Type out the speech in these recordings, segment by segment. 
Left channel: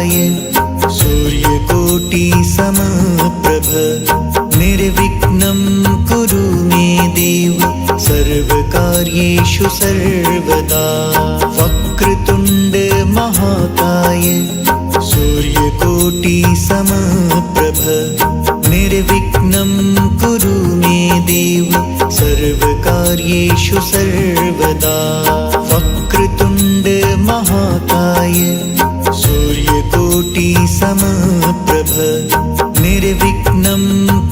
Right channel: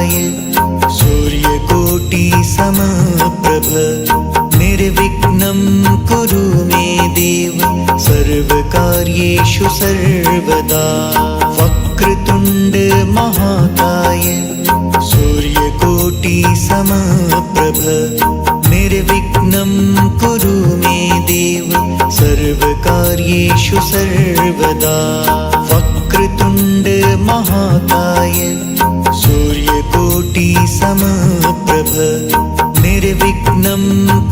महाकाय सूर्यकोटि समप्रभ निर्विघ्नं कुरु मे देव सर्वकार्येषु सर्वदा। वक्रतुण्ड महाकाय सूर्यकोटि समप्रभ निर्विघ्नं कुरु मे देव सर्वकार्येषु सर्वदा। वक्रतुण्ड महाकाय सूर्यकोटि समप्रभ निर्विघ्नं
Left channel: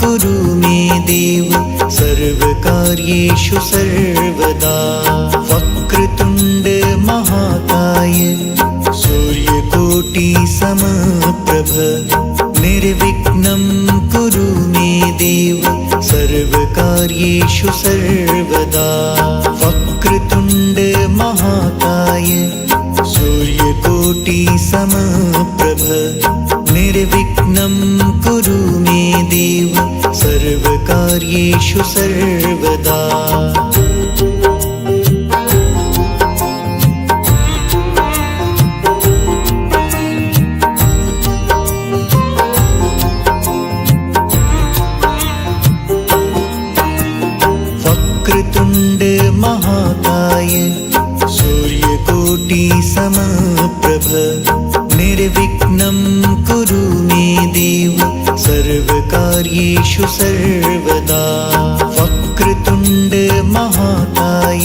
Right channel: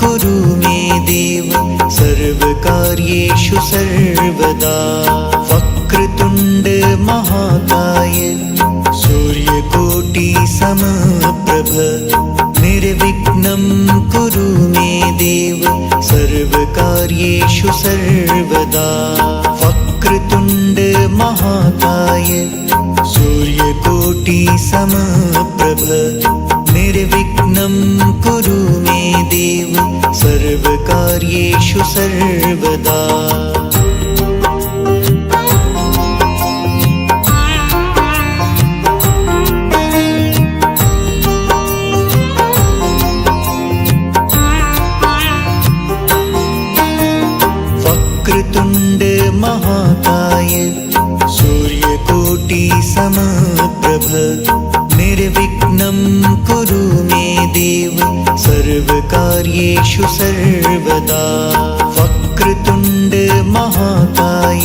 कुरु मे देव सर्वकार्येषु सर्वदा। वक्रतुण्ड महाकाय सूर्यकोटि समप्रभ निर्विघ्नं कुरु मे देव सर्वकार्येषु सर्वदा। वक्रतुण्ड महाकाय सूर्यकोटि समप्रभ निर्विघ्नं कुरु मे देव सर्वकार्येषु सर्वदा। वक्रतुण्ड महाकाय सूर्यकोटि समप्रभ निर्विघ्नं कुरु मे देव सर्वकार्येषु सर्वदा। वक्रतुण्ड महाकाय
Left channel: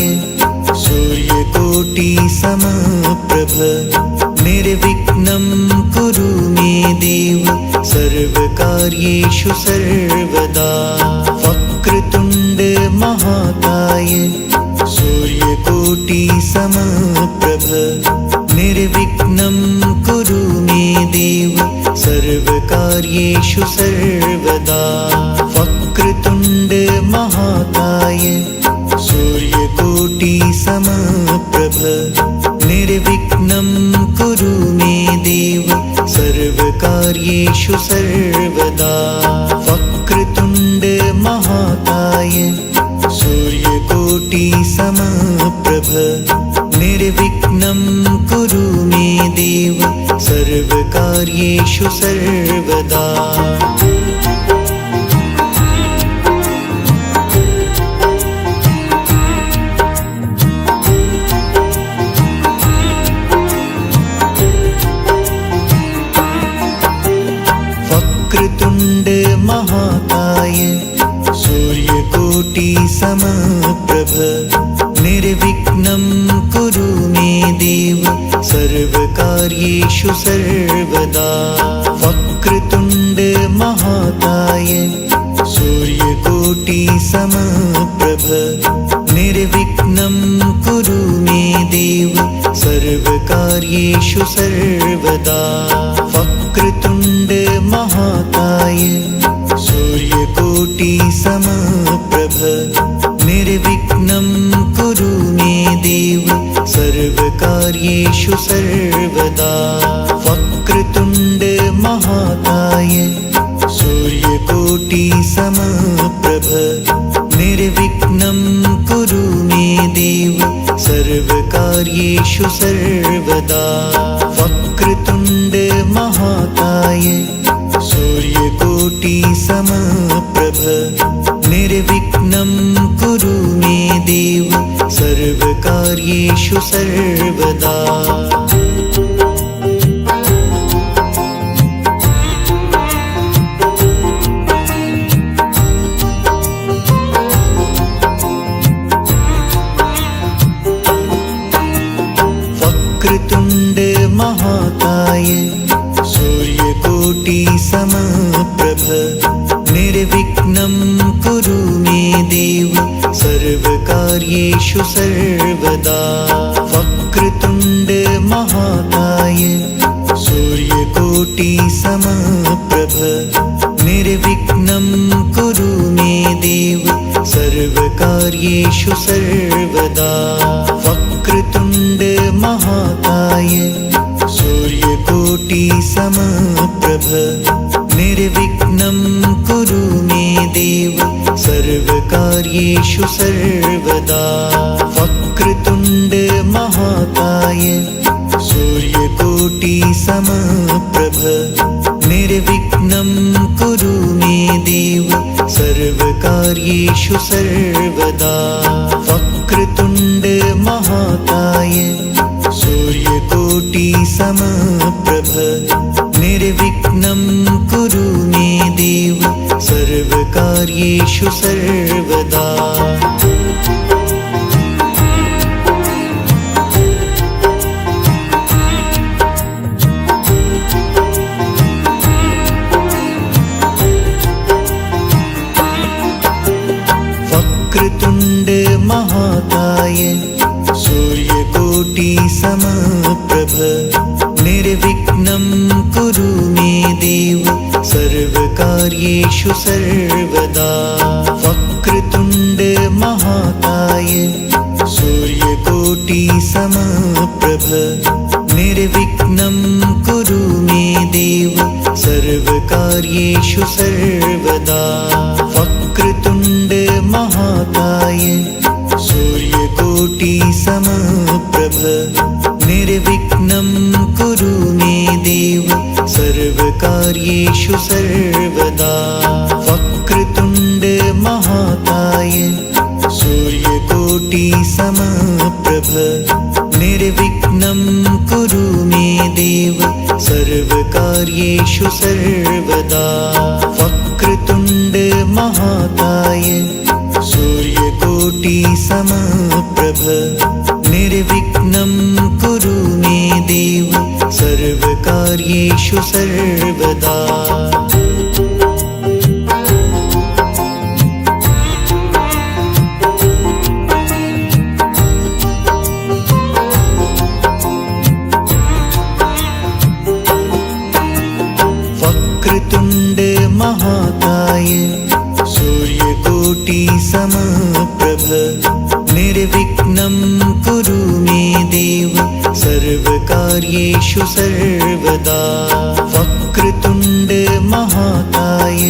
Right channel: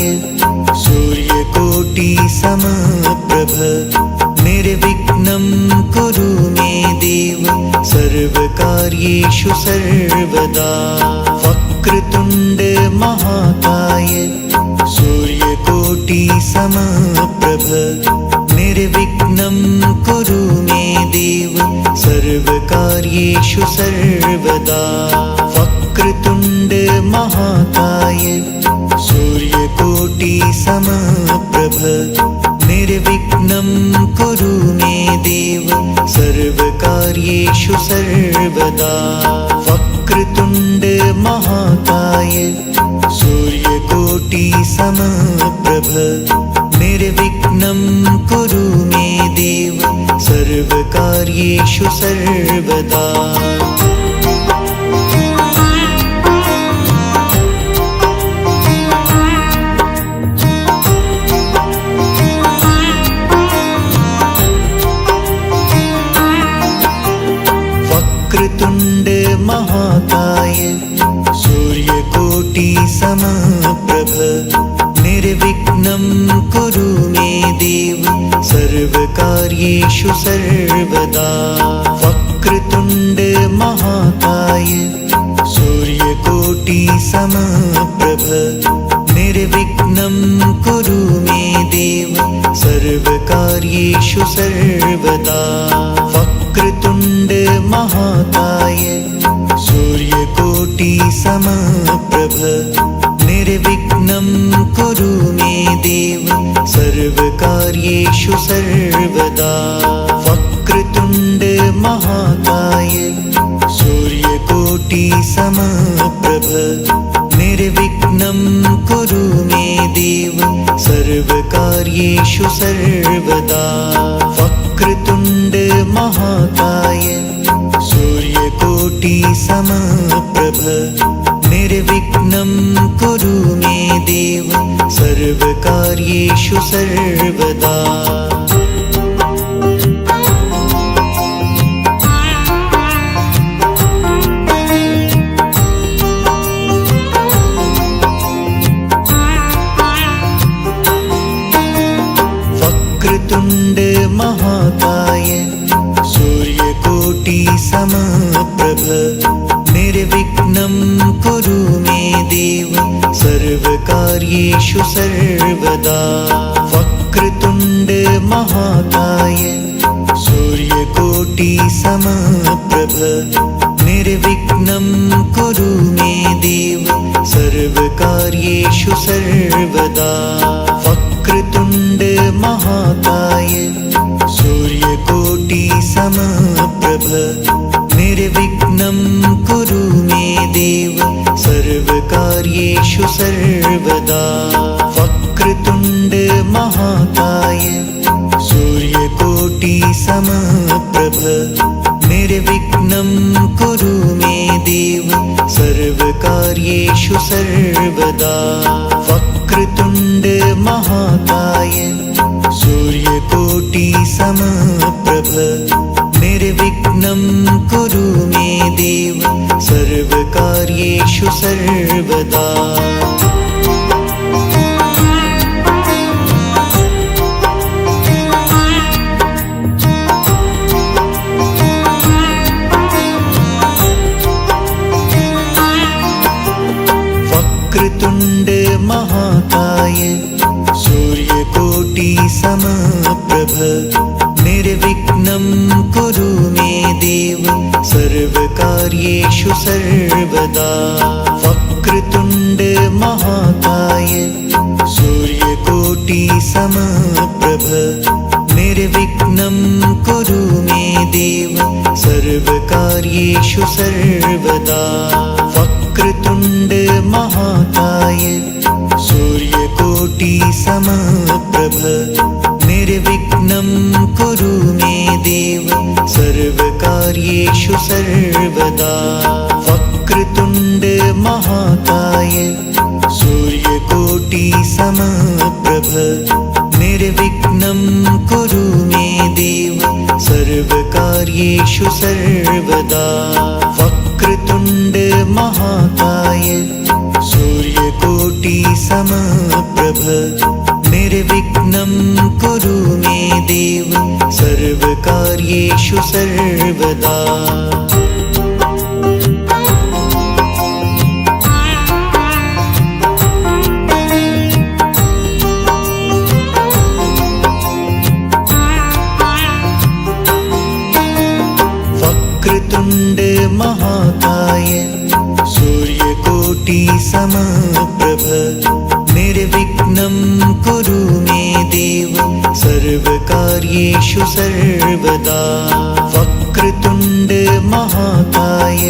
सूर्यकोटि समप्रभ निर्विघ्नं कुरु मे देव सर्वकार्येषु सर्वदा। वक्रतुण्ड महाकाय सूर्यकोटि समप्रभ निर्विघ्नं कुरु मे देव सर्वकार्येषु सर्वदा। वक्रतुण्ड महाकाय सूर्यकोटि समप्रभ निर्विघ्नं कुरु मे देव सर्वकार्येषु सर्वदा। वक्रतुण्ड महाकाय सूर्यकोटि समप्रभ निर्विघ्नं कुरु मे देव सर्वकार्येषु सर्वदा। वक्रतुण्ड महाकाय सूर्यकोटि समप्रभ निर्विघ्नं कुरु मे देव सर्वकार्येषु सर्वदा। वक्रतुण्ड महाकाय सूर्यकोटि समप्रभ निर्विघ्नं कुरु मे देव सर्वकार्येषु सर्वदा। वक्रतुण्ड महाकाय सूर्यकोटि समप्रभ निर्विघ्नं कुरु मे देव सर्वकार्येषु सर्वदा। वक्रतुण्ड महाकाय सूर्यकोटि समप्रभ निर्विघ्नं कुरु मे देव सर्वकार्येषु सर्वदा। वक्रतुण्ड महाकाय सूर्यकोटि समप्रभ निर्विघ्नं कुरु मे देव सर्वकार्येषु सर्वदा। वक्रतुण्ड महाकाय सूर्यकोटि समप्रभ निर्विघ्नं कुरु मे देव सर्वकार्येषु सर्वदा। वक्रतुण्ड महाकाय सूर्यकोटि समप्रभ निर्विघ्नं कुरु मे देव सर्वकार्येषु सर्वदा। वक्रतुण्ड महाकाय सूर्यकोटि समप्रभ निर्विघ्नं कुरु मे देव सर्वकार्येषु सर्वदा। वक्रतुण्ड महाकाय सूर्यकोटि समप्रभ निर्विघ्नं कुरु मे देव सर्वकार्येषु सर्वदा। वक्रतुण्ड महाकाय सूर्यकोटि समप्रभ निर्विघ्नं कुरु मे देव सर्वकार्येषु सर्वदा। वक्रतुण्ड महाकाय सूर्यकोटि समप्रभ निर्विघ्नं कुरु मे देव सर्वकार्येषु सर्वदा। वक्रतुण्ड महाकाय सूर्यकोटि समप्रभ निर्विघ्नं कुरु मे देव सर्वकार्येषु सर्वदा। वक्रतुण्ड महाकाय सूर्यकोटि समप्रभ निर्विघ्नं कुरु मे देव सर्वकार्येषु सर्वदा। वक्रतुण्ड महाकाय सूर्यकोटि समप्रभ निर्विघ्नं कुरु मे देव सर्वकार्येषु सर्वदा। वक्रतुण्ड महाकाय सूर्यकोटि समप्रभ निर्विघ्नं कुरु मे देव सर्वकार्येषु सर्वदा। वक्रतुण्ड महाकाय सूर्यकोटि समप्रभ निर्विघ्नं कुरु मे देव सर्वकार्येषु सर्वदा। वक्रतुण्ड महाकाय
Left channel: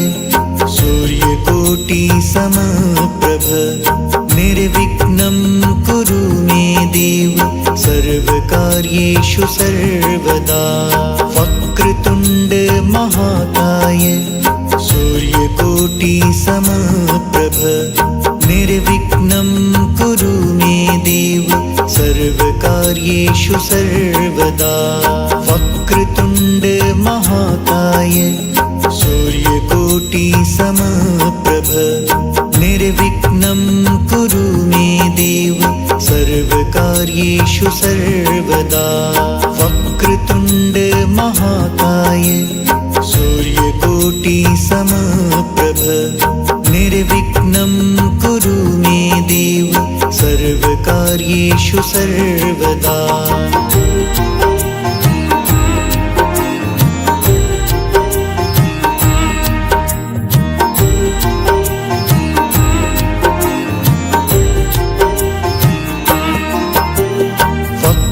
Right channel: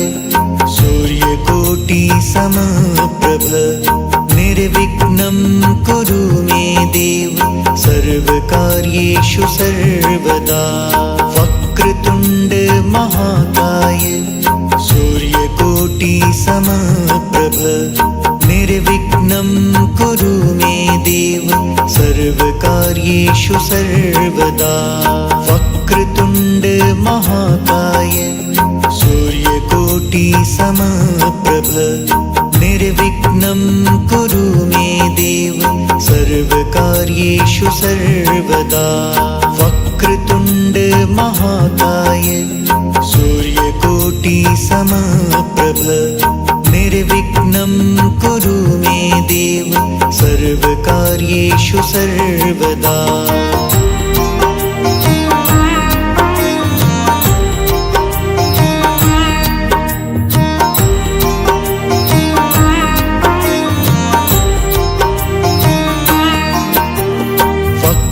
सूर्यकोटि समप्रभ निर्विघ्नं कुरु मे देव सर्वकार्येषु सर्वदा। वक्रतुण्ड महाकाय सूर्यकोटि समप्रभ निर्विघ्नं कुरु मे देव सर्वकार्येषु सर्वदा। वक्रतुण्ड महाकाय सूर्यकोटि समप्रभ निर्विघ्नं कुरु मे देव सर्वकार्येषु सर्वदा। वक्रतुण्ड महाकाय सूर्यकोटि समप्रभ निर्विघ्नं कुरु मे देव सर्वकार्येषु सर्वदा।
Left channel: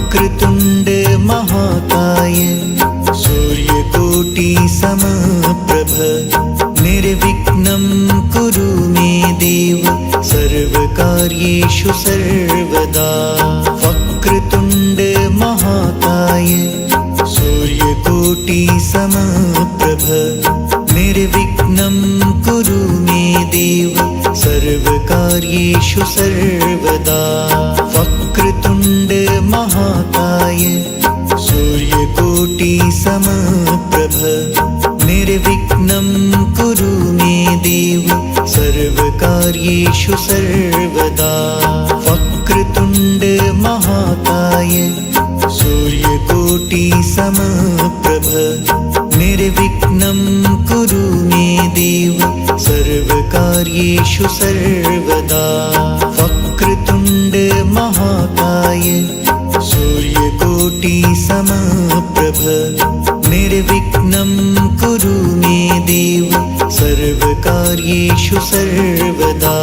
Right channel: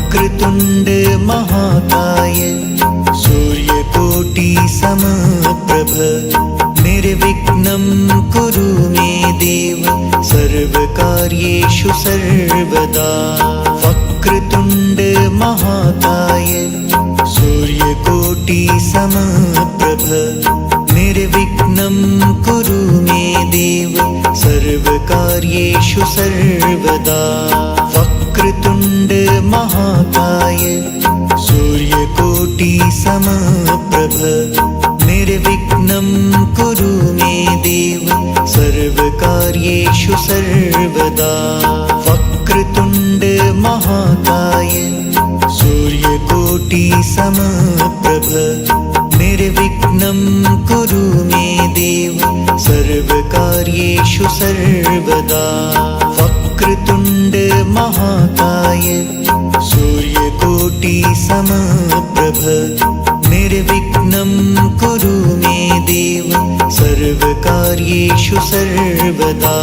वक्रतुण्ड महाकाय सूर्यकोटि समप्रभ निर्विघ्नं कुरु मे देव सर्वकार्येषु सर्वदा। वक्रतुण्ड महाकाय सूर्यकोटि समप्रभ निर्विघ्नं कुरु मे देव सर्वकार्येषु सर्वदा। वक्रतुण्ड महाकाय सूर्यकोटि समप्रभ निर्विघ्नं कुरु मे देव सर्वकार्येषु सर्वदा। वक्रतुण्ड महाकाय सूर्यकोटि समप्रभ निर्विघ्नं कुरु मे देव सर्वकार्येषु सर्वदा। वक्रतुण्ड महाकाय सूर्यकोटि समप्रभ निर्विघ्नं कुरु मे देव सर्वकार्येषु सर्वदा।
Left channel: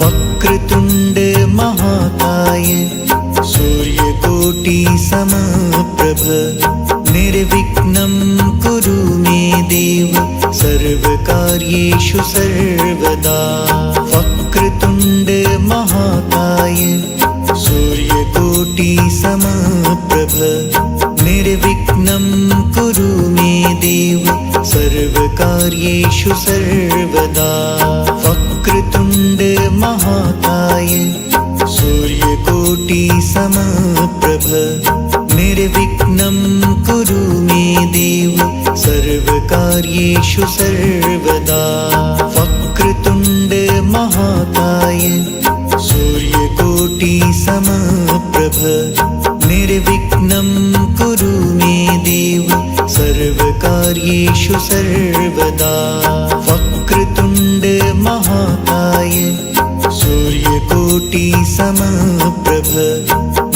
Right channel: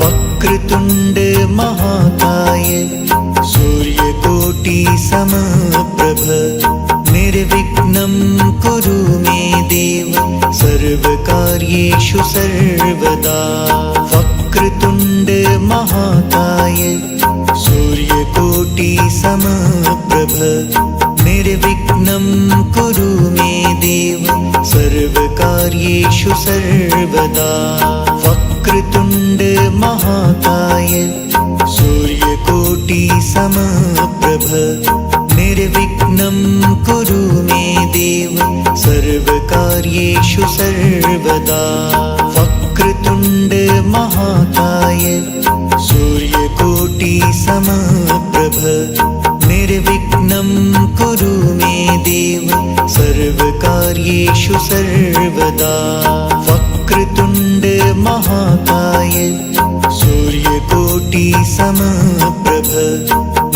वक्रतुण्ड महाकाय सूर्यकोटि सूर्यकोटि समप्रभ निर्विघ्नं कुरु मे देव सर्वकार्येषु सर्वदा वक्रतुण्ड महाकाय सूर्यकोटि समप्रभ निर्विघ्नं कुरु मे देव सर्वकार्येषु सर्वदा वक्रतुण्ड महाकाय सूर्यकोटि समप्रभ निर्विघ्नं कुरु मे देव सर्वकार्येषु सर्वदा वक्रतुण्ड महाकाय सूर्यकोटि समप्रभ निर्विघ्नं कुरु मे देव सर्वकार्येषु सर्वदा वक्रतुण्ड महाकाय सूर्यकोटि समप्रभ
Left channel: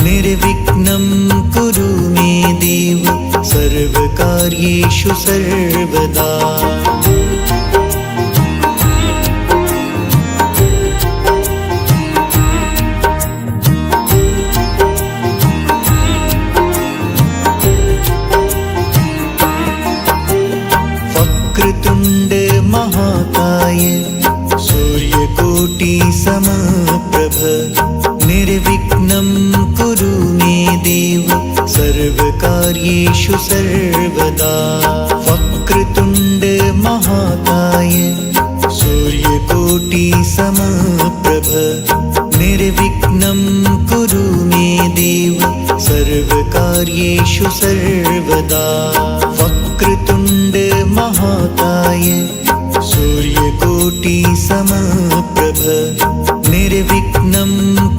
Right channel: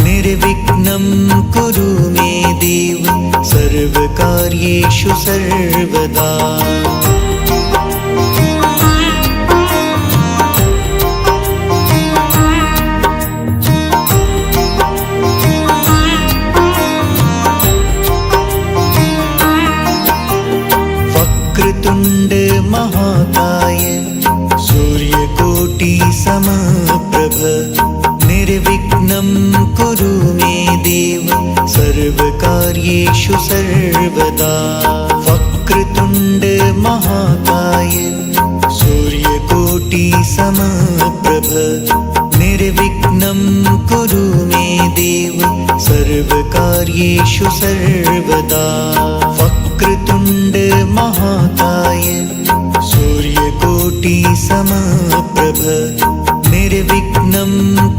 निर्विघ्नं कुरु मे देव सर्वकार्येषु सर्वदा वक्रतुण्ड महाकाय सूर्यकोटि समप्रभ निर्विघ्नं कुरु मे देव सर्वकार्येषु सर्वदा वक्रतुण्ड महाकाय सूर्यकोटि समप्रभ निर्विघ्नं कुरु मे देव सर्वकार्येषु सर्वदा वक्रतुण्ड महाकाय सूर्यकोटि समप्रभ निर्विघ्नं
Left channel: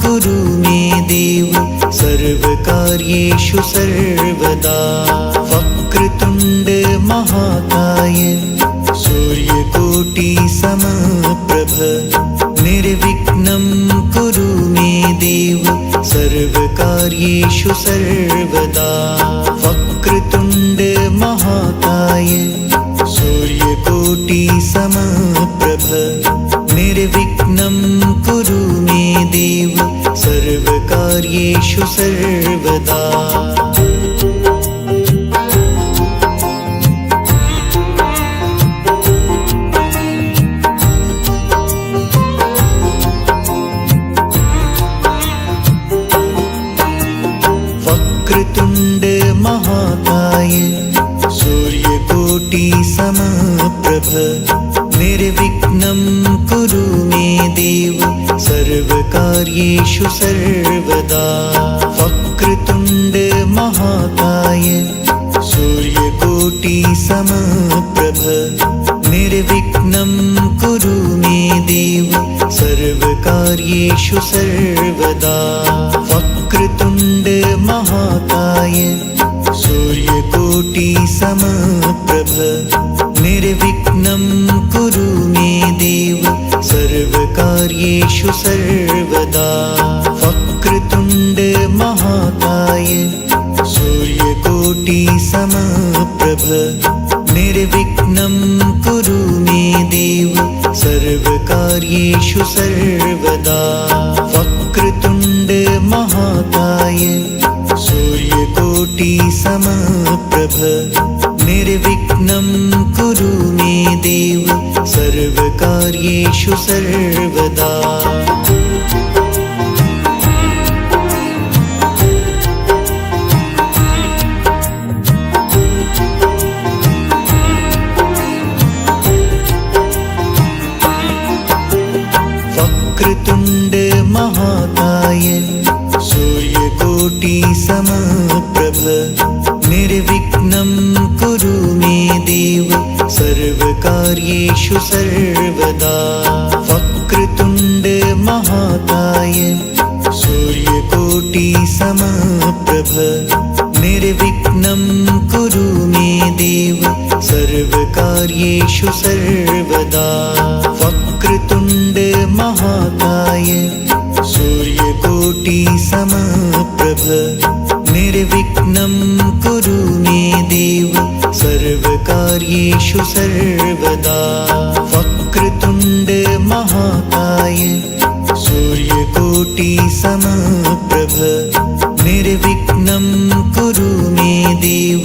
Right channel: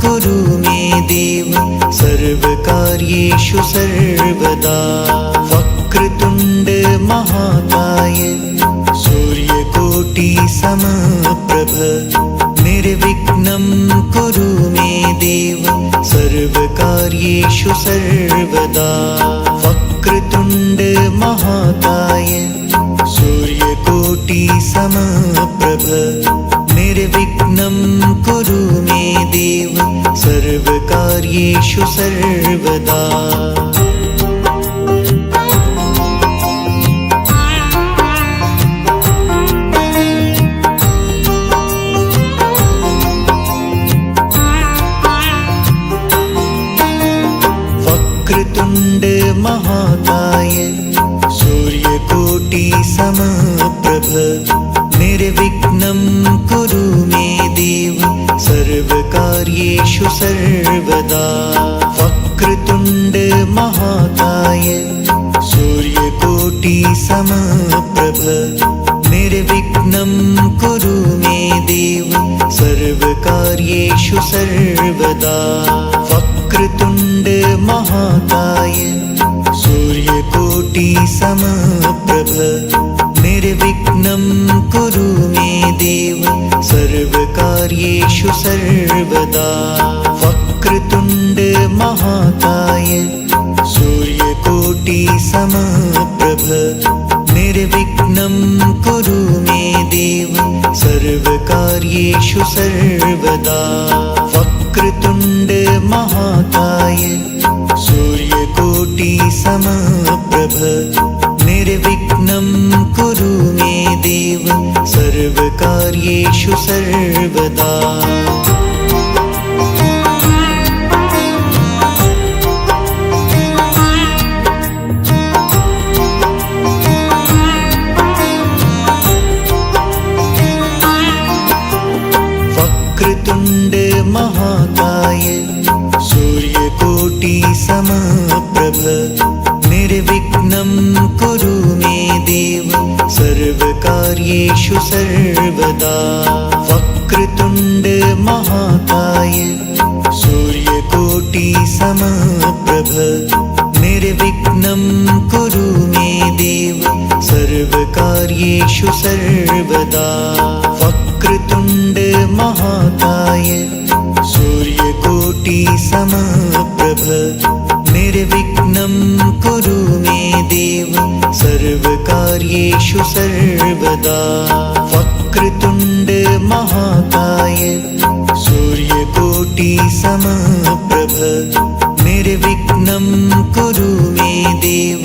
कुरु मे देव सर्वकार्येषु सर्वदा वक्रतुण्ड महाकाय सूर्यकोटि समप्रभ निर्विघ्नं कुरु मे देव सर्वकार्येषु सर्वदा वक्रतुण्ड महाकाय सूर्यकोटि समप्रभ निर्विघ्नं कुरु मे देव सर्वकार्येषु सर्वदा वक्रतुण्ड महाकाय सूर्यकोटि समप्रभ निर्विघ्नं कुरु मे देव सर्वकार्येषु सर्वदा वक्रतुण्ड महाकाय सूर्यकोटि समप्रभ निर्विघ्नं कुरु मे देव सर्वकार्येषु सर्वदा वक्रतुण्ड महाकाय सूर्यकोटि समप्रभ निर्विघ्नं कुरु मे देव सर्वकार्येषु सर्वदा वक्रतुण्ड महाकाय सूर्यकोटि समप्रभ निर्विघ्नं कुरु मे देव सर्वकार्येषु सर्वदा वक्रतुण्ड महाकाय सूर्यकोटि समप्रभ निर्विघ्नं कुरु मे देव सर्वकार्येषु सर्वदा वक्रतुण्ड महाकाय सूर्यकोटि समप्रभ निर्विघ्नं कुरु मे देव सर्वकार्येषु सर्वदा वक्रतुण्ड महाकाय सूर्यकोटि समप्रभ निर्विघ्नं कुरु मे देव सर्वकार्येषु सर्वदा वक्रतुण्ड महाकाय सूर्यकोटि समप्रभ निर्विघ्नं कुरु मे देव सर्वकार्येषु सर्वदा वक्रतुण्ड महाकाय सूर्यकोटि समप्रभ निर्विघ्नं कुरु मे देव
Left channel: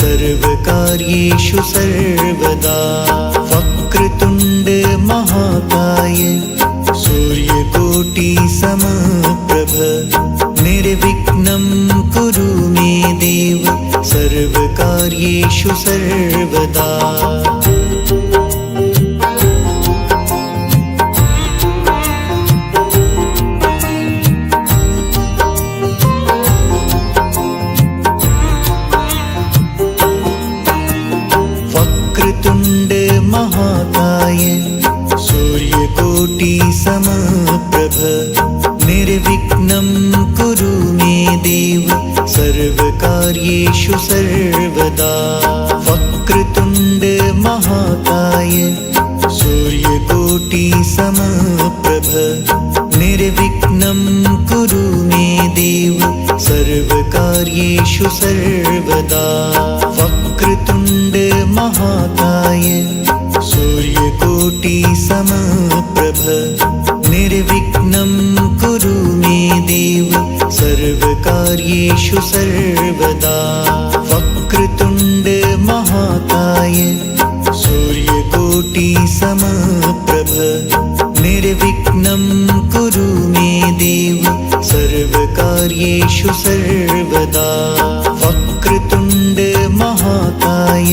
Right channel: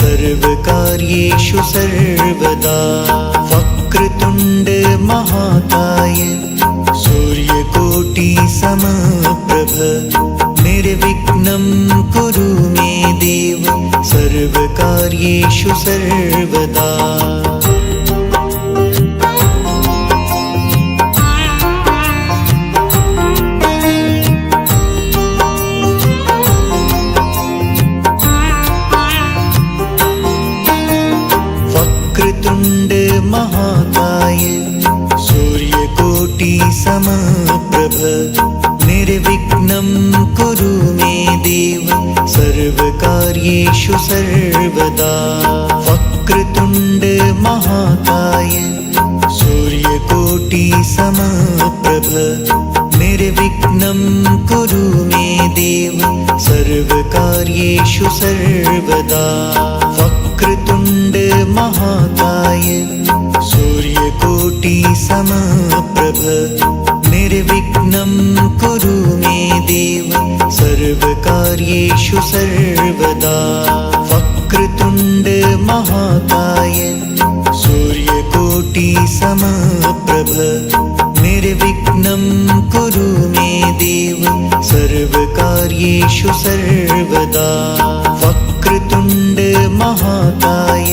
सर्वकार्येषु सर्वदा। वक्रतुण्ड महाकाय सूर्यकोटि समप्रभ निर्विघ्नं कुरु मे देव सर्वकार्येषु सर्वदा। वक्रतुण्ड महाकाय सूर्यकोटि समप्रभ निर्विघ्नं कुरु मे देव सर्वकार्येषु सर्वदा। वक्रतुण्ड महाकाय सूर्यकोटि समप्रभ निर्विघ्नं कुरु मे देव सर्वकार्येषु सर्वदा। वक्रतुण्ड महाकाय सूर्यकोटि समप्रभ निर्विघ्नं कुरु मे देव सर्वकार्येषु सर्वदा। वक्रतुण्ड महाकाय सूर्यकोटि समप्रभ निर्विघ्नं कुरु मे देव सर्वकार्येषु सर्वदा। वक्रतुण्ड महाकाय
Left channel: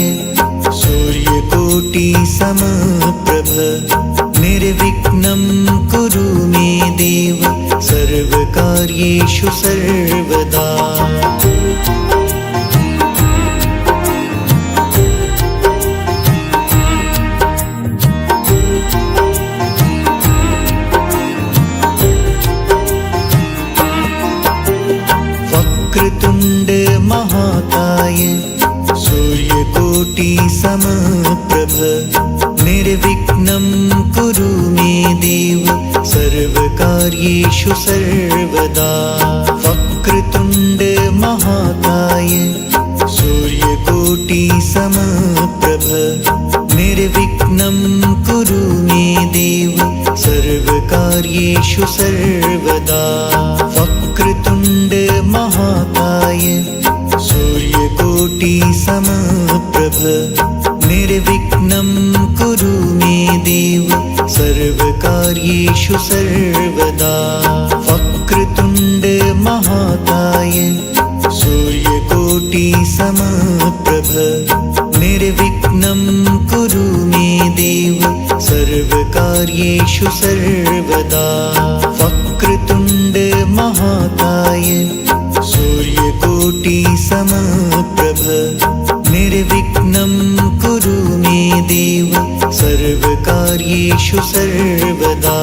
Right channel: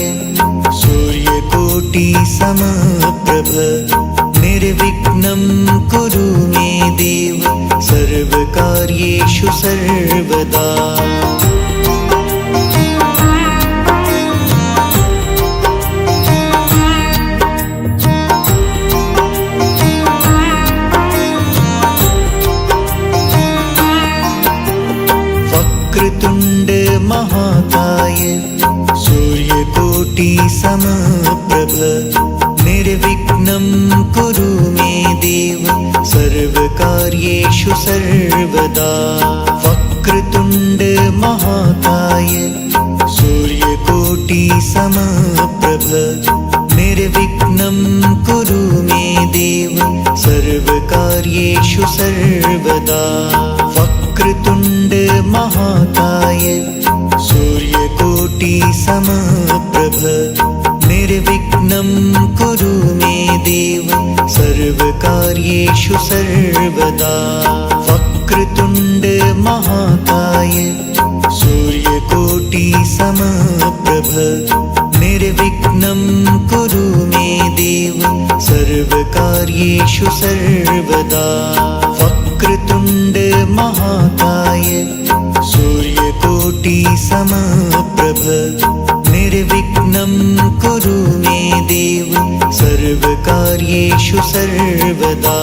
सूर्यकोटि समप्रभ निर्विघ्नं कुरु मे देव सर्वकार्येषु सर्वदा। वक्रतुण्ड महाकाय सूर्यकोटि समप्रभ निर्विघ्नं कुरु मे देव सर्वकार्येषु सर्वदा। वक्रतुण्ड महाकाय सूर्यकोटि समप्रभ निर्विघ्नं कुरु मे देव सर्वकार्येषु सर्वदा। वक्रतुण्ड महाकाय सूर्यकोटि समप्रभ निर्विघ्नं कुरु मे देव सर्वकार्येषु सर्वदा। वक्रतुण्ड महाकाय सूर्यकोटि समप्रभ निर्विघ्नं कुरु मे देव सर्वकार्येषु सर्वदा। वक्रतुण्ड महाकाय सूर्यकोटि समप्रभ निर्विघ्नं कुरु मे देव सर्वकार्येषु सर्वदा।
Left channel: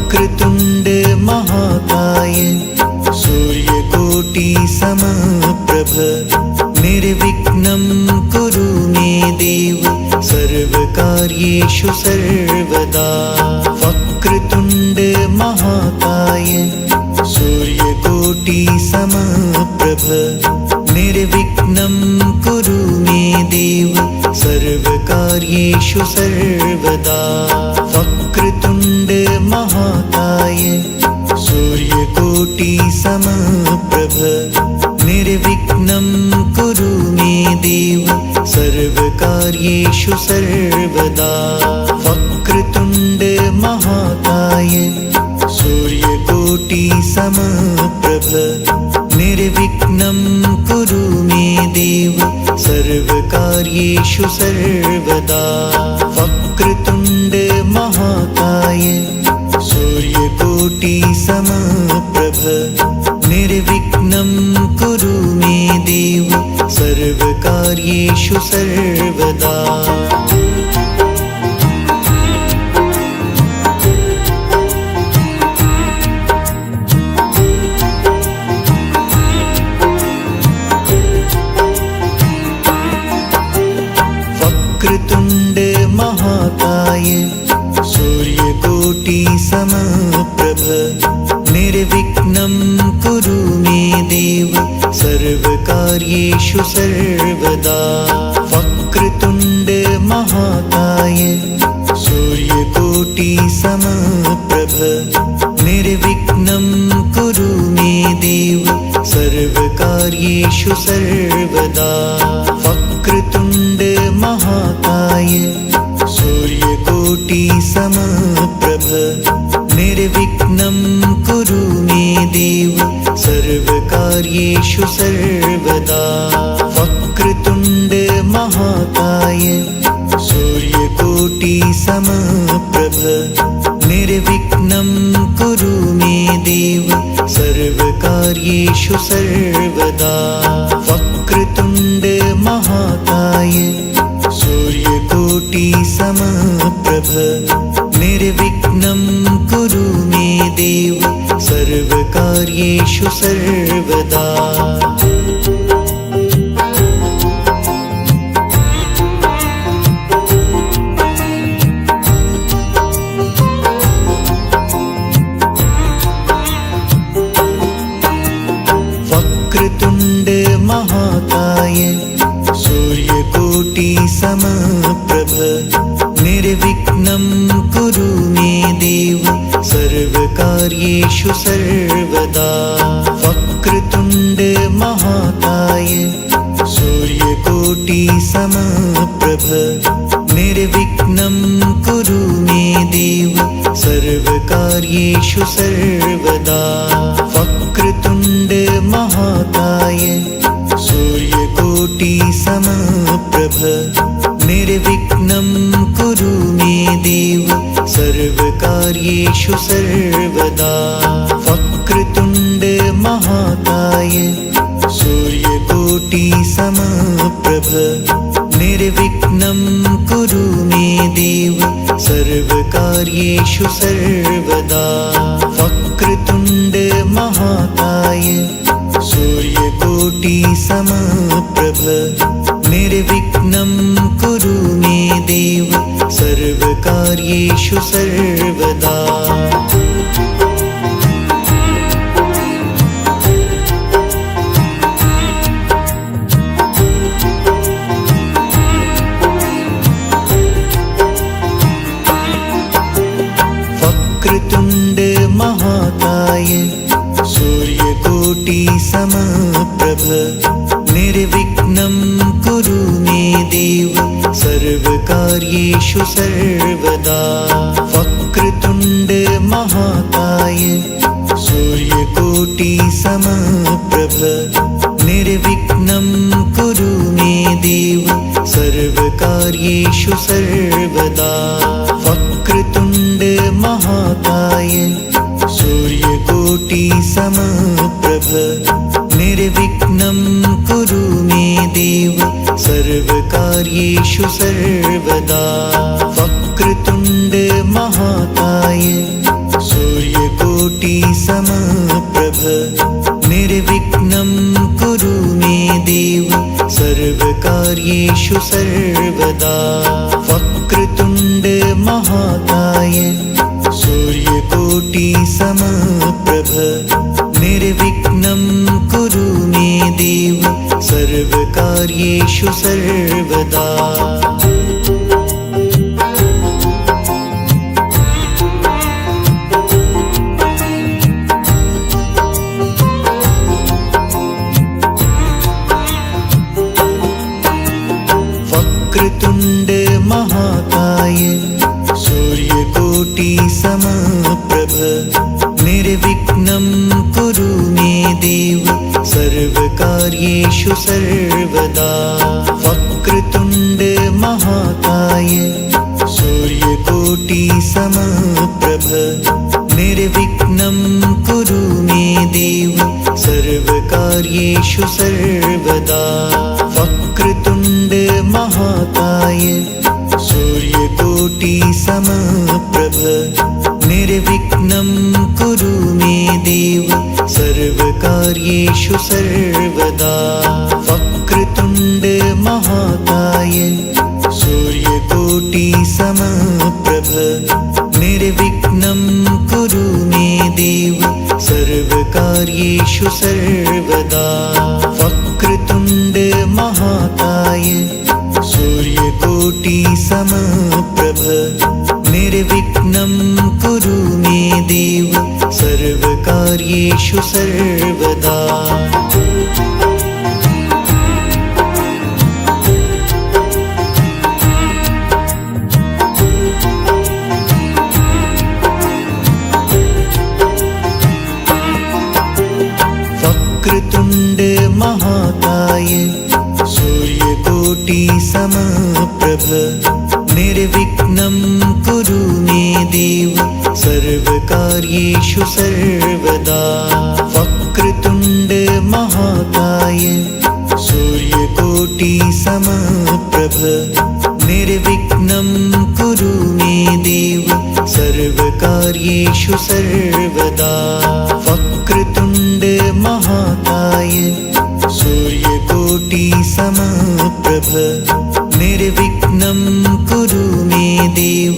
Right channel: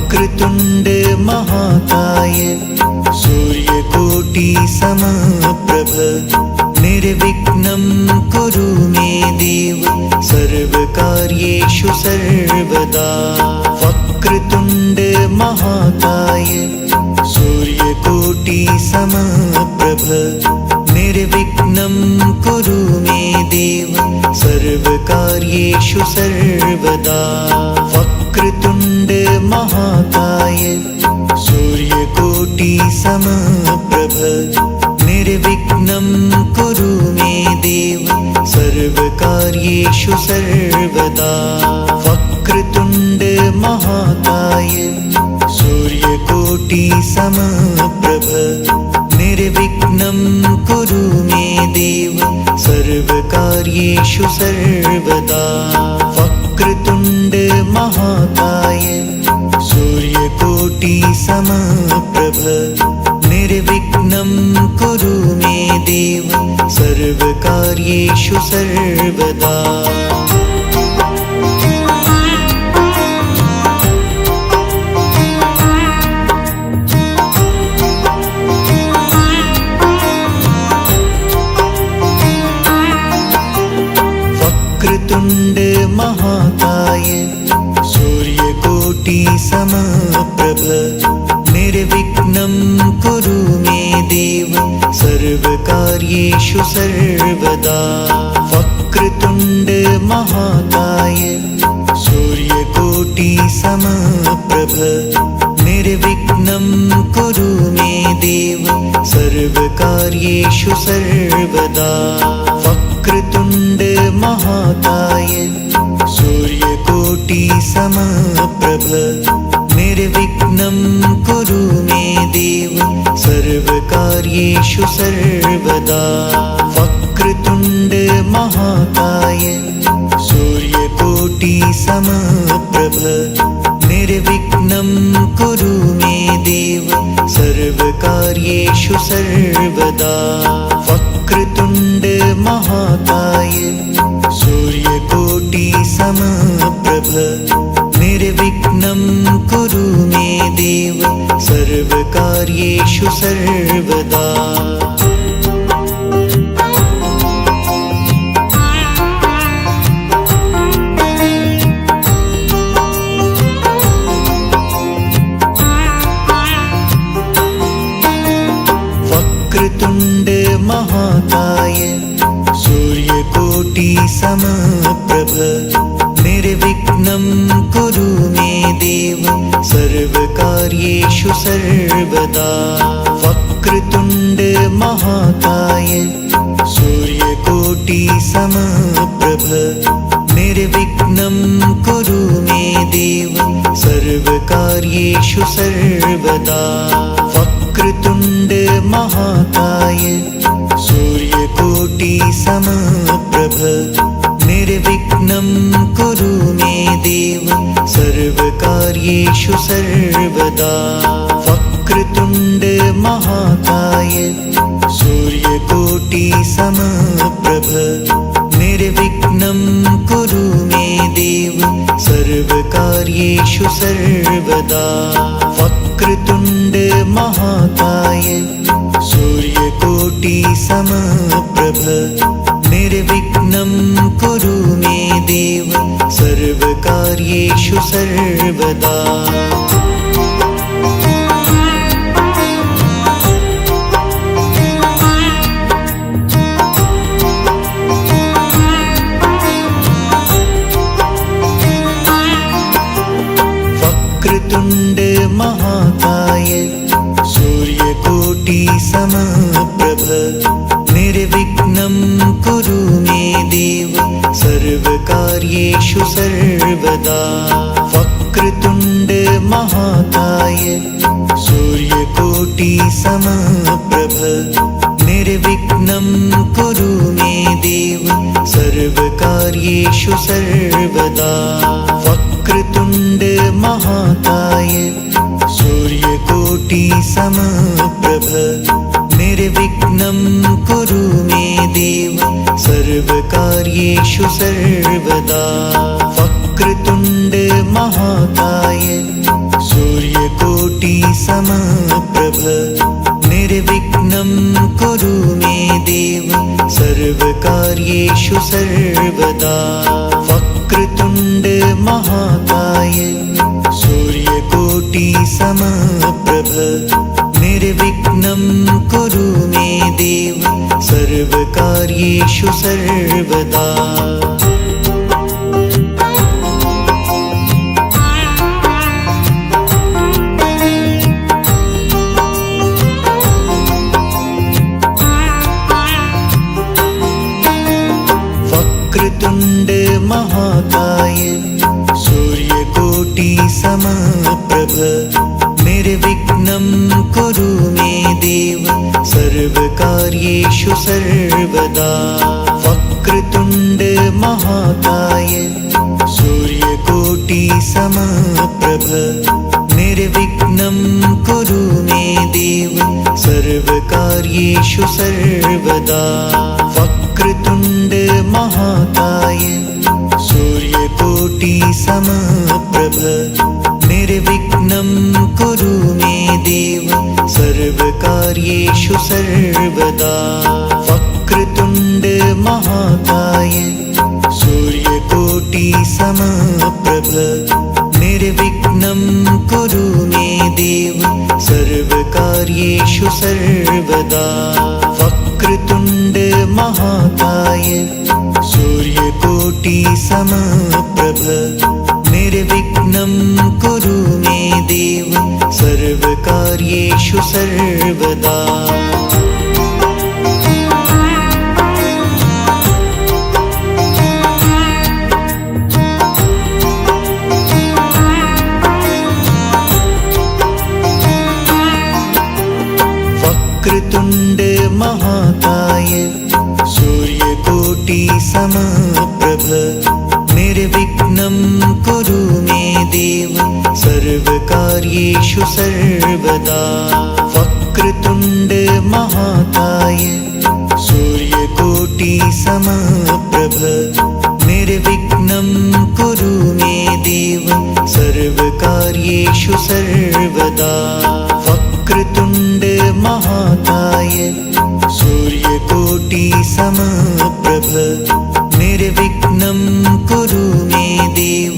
वक्रतुण्ड महाकाय सूर्यकोटि समप्रभ निर्विघ्नं कुरु मे देव सर्वकार्येषु सर्वदा। वक्रतुण्ड महाकाय सूर्यकोटि समप्रभ निर्विघ्नं कुरु मे देव सर्वकार्येषु सर्वदा। वक्रतुण्ड महाकाय सूर्यकोटि समप्रभ निर्विघ्नं कुरु मे देव सर्वकार्येषु सर्वदा। वक्रतुण्ड महाकाय सूर्यकोटि समप्रभ निर्विघ्नं कुरु मे देव सर्वकार्येषु सर्वदा। वक्रतुण्ड महाकाय सूर्यकोटि समप्रभ निर्विघ्नं कुरु मे देव सर्वकार्येषु सर्वदा। वक्रतुण्ड महाकाय सूर्यकोटि समप्रभ निर्विघ्नं कुरु मे देव सर्वकार्येषु सर्वदा। वक्रतुण्ड महाकाय सूर्यकोटि समप्रभ निर्विघ्नं कुरु मे देव सर्वकार्येषु सर्वदा। वक्रतुण्ड महाकाय सूर्यकोटि समप्रभ निर्विघ्नं कुरु मे देव सर्वकार्येषु सर्वदा। वक्रतुण्ड महाकाय सूर्यकोटि समप्रभ निर्विघ्नं कुरु मे देव सर्वकार्येषु सर्वदा। वक्रतुण्ड महाकाय सूर्यकोटि समप्रभ निर्विघ्नं कुरु मे देव सर्वकार्येषु सर्वदा। वक्रतुण्ड महाकाय सूर्यकोटि समप्रभ निर्विघ्नं कुरु मे देव सर्वकार्येषु सर्वदा। वक्रतुण्ड महाकाय सूर्यकोटि समप्रभ निर्विघ्नं कुरु मे देव सर्वकार्येषु सर्वदा। वक्रतुण्ड महाकाय सूर्यकोटि समप्रभ निर्विघ्नं कुरु मे देव सर्वकार्येषु सर्वदा। वक्रतुण्ड महाकाय सूर्यकोटि समप्रभ निर्विघ्नं कुरु मे देव सर्वकार्येषु सर्वदा। वक्रतुण्ड महाकाय सूर्यकोटि समप्रभ निर्विघ्नं कुरु मे देव सर्वकार्येषु सर्वदा। वक्रतुण्ड महाकाय सूर्यकोटि समप्रभ निर्विघ्नं कुरु मे देव सर्वकार्येषु सर्वदा। वक्रतुण्ड महाकाय सूर्यकोटि समप्रभ निर्विघ्नं कुरु मे देव सर्वकार्येषु सर्वदा। वक्रतुण्ड महाकाय सूर्यकोटि समप्रभ निर्विघ्नं कुरु मे देव सर्वकार्येषु सर्वदा। वक्रतुण्ड महाकाय सूर्यकोटि समप्रभ निर्विघ्नं कुरु मे देव सर्वकार्येषु सर्वदा। वक्रतुण्ड महाकाय सूर्यकोटि समप्रभ निर्विघ्नं कुरु मे देव सर्वकार्येषु सर्वदा। वक्रतुण्ड महाकाय सूर्यकोटि समप्रभ निर्विघ्नं कुरु मे देव सर्वकार्येषु सर्वदा। वक्रतुण्ड महाकाय सूर्यकोटि समप्रभ निर्विघ्नं कुरु मे देव सर्वकार्येषु सर्वदा। वक्रतुण्ड महाकाय सूर्यकोटि समप्रभ निर्विघ्नं कुरु मे देव सर्वकार्येषु सर्वदा। वक्रतुण्ड महाकाय सूर्यकोटि समप्रभ निर्विघ्नं कुरु मे देव सर्वकार्येषु सर्वदा। वक्रतुण्ड महाकाय सूर्यकोटि समप्रभ निर्विघ्नं कुरु मे देव सर्वकार्येषु सर्वदा। वक्रतुण्ड महाकाय सूर्यकोटि समप्रभ निर्विघ्नं कुरु मे देव सर्वकार्येषु सर्वदा। वक्रतुण्ड महाकाय सूर्यकोटि समप्रभ निर्विघ्नं कुरु मे देव सर्वकार्येषु सर्वदा। वक्रतुण्ड महाकाय सूर्यकोटि समप्रभ निर्विघ्नं कुरु मे देव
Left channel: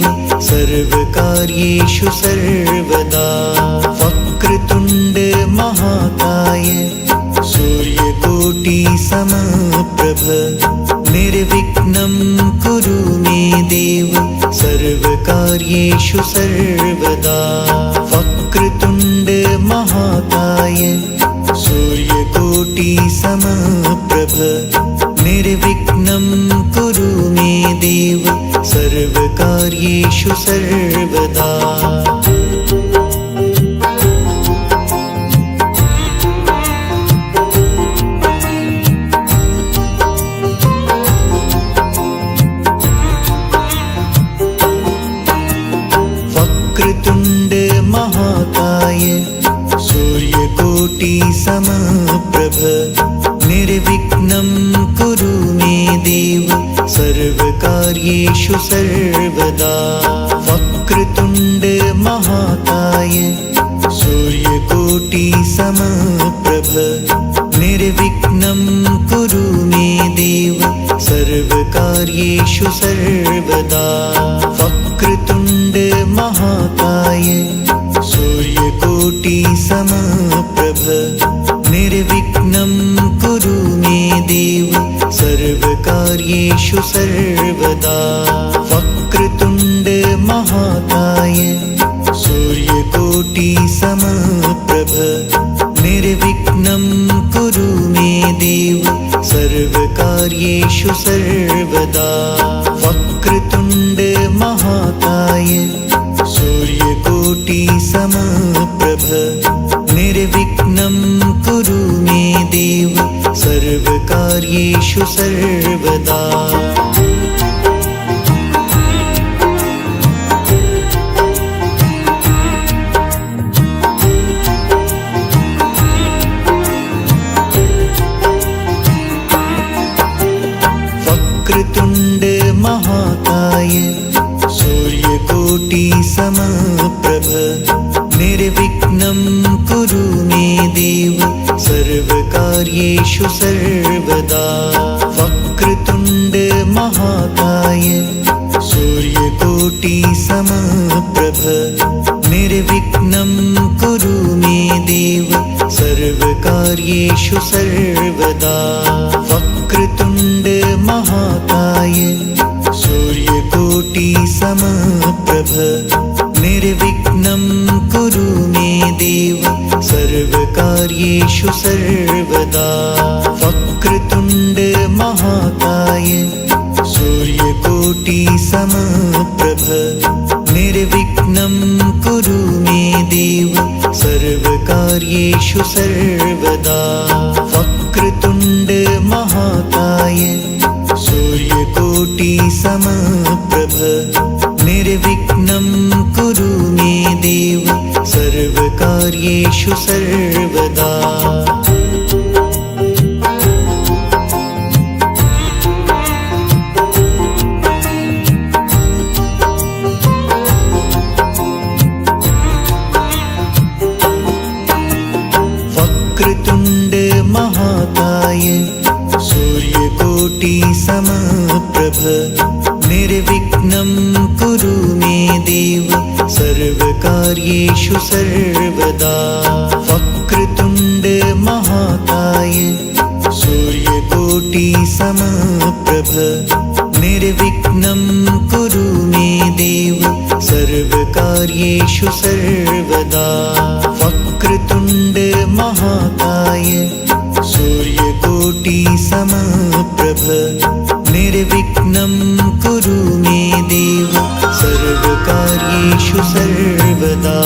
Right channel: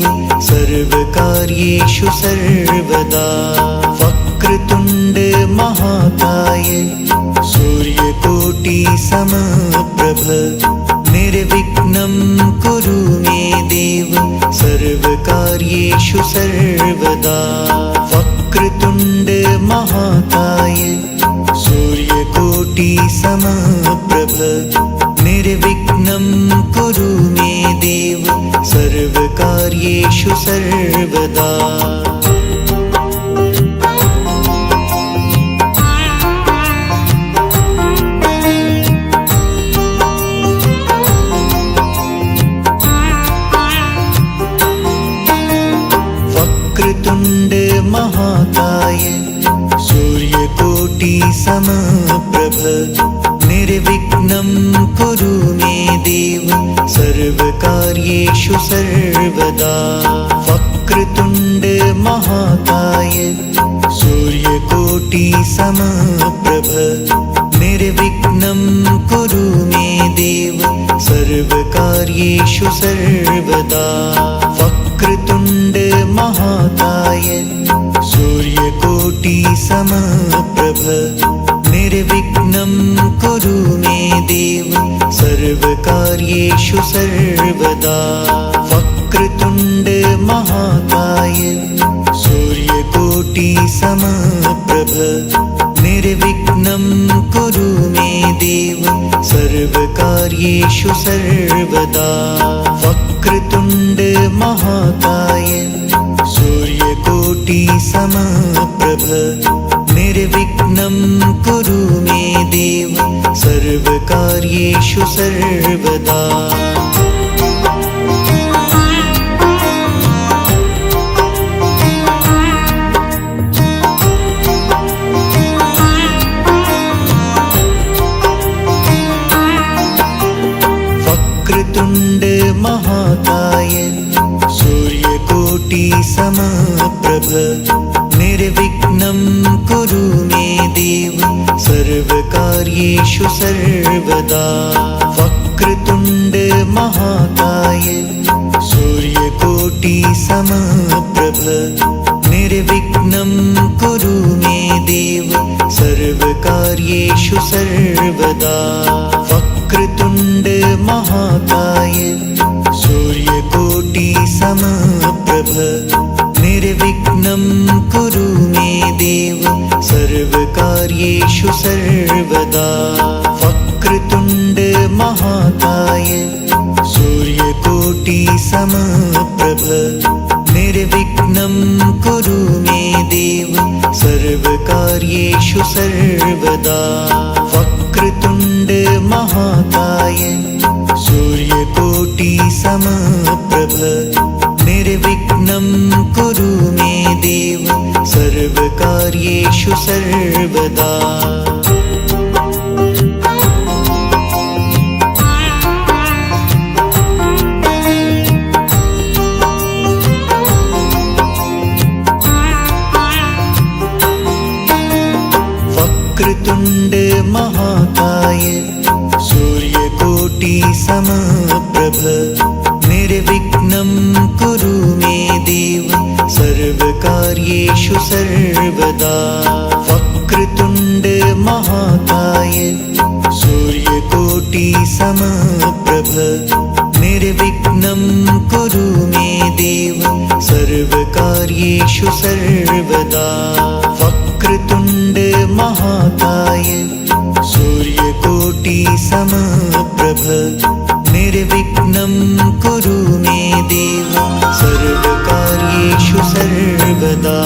सर्वकार्येषु सर्वदा। वक्रतुण्ड महाकाय सूर्यकोटि समप्रभ निर्विघ्नं कुरु मे देव सर्वकार्येषु सर्वदा। वक्रतुण्ड महाकाय सूर्यकोटि समप्रभ निर्विघ्नं कुरु मे देव सर्वकार्येषु सर्वदा। वक्रतुण्ड महाकाय सूर्यकोटि समप्रभ निर्विघ्नं कुरु मे देव सर्वकार्येषु सर्वदा। वक्रतुण्ड महाकाय सूर्यकोटि समप्रभ निर्विघ्नं कुरु मे देव सर्वकार्येषु सर्वदा। वक्रतुण्ड महाकाय सूर्यकोटि समप्रभ निर्विघ्नं कुरु मे देव सर्वकार्येषु सर्वदा। वक्रतुण्ड महाकाय सूर्यकोटि समप्रभ निर्विघ्नं कुरु मे देव सर्वकार्येषु सर्वदा। वक्रतुण्ड महाकाय सूर्यकोटि समप्रभ निर्विघ्नं कुरु मे देव सर्वकार्येषु सर्वदा। वक्रतुण्ड महाकाय सूर्यकोटि समप्रभ निर्विघ्नं कुरु मे देव सर्वकार्येषु सर्वदा। वक्रतुण्ड महाकाय सूर्यकोटि समप्रभ निर्विघ्नं कुरु मे देव सर्वकार्येषु सर्वदा। वक्रतुण्ड महाकाय सूर्यकोटि समप्रभ निर्विघ्नं कुरु मे देव सर्वकार्येषु सर्वदा। वक्रतुण्ड महाकाय सूर्यकोटि समप्रभ निर्विघ्नं कुरु मे देव सर्वकार्येषु सर्वदा। वक्रतुण्ड महाकाय सूर्यकोटि समप्रभ निर्विघ्नं कुरु मे देव सर्वकार्येषु सर्वदा। वक्रतुण्ड महाकाय सूर्यकोटि समप्रभ निर्विघ्नं कुरु मे देव सर्वकार्येषु सर्वदा। वक्रतुण्ड महाकाय सूर्यकोटि समप्रभ निर्विघ्नं कुरु मे देव सर्वकार्येषु सर्वदा। वक्रतुण्ड महाकाय सूर्यकोटि समप्रभ निर्विघ्नं कुरु मे देव सर्वकार्येषु सर्वदा।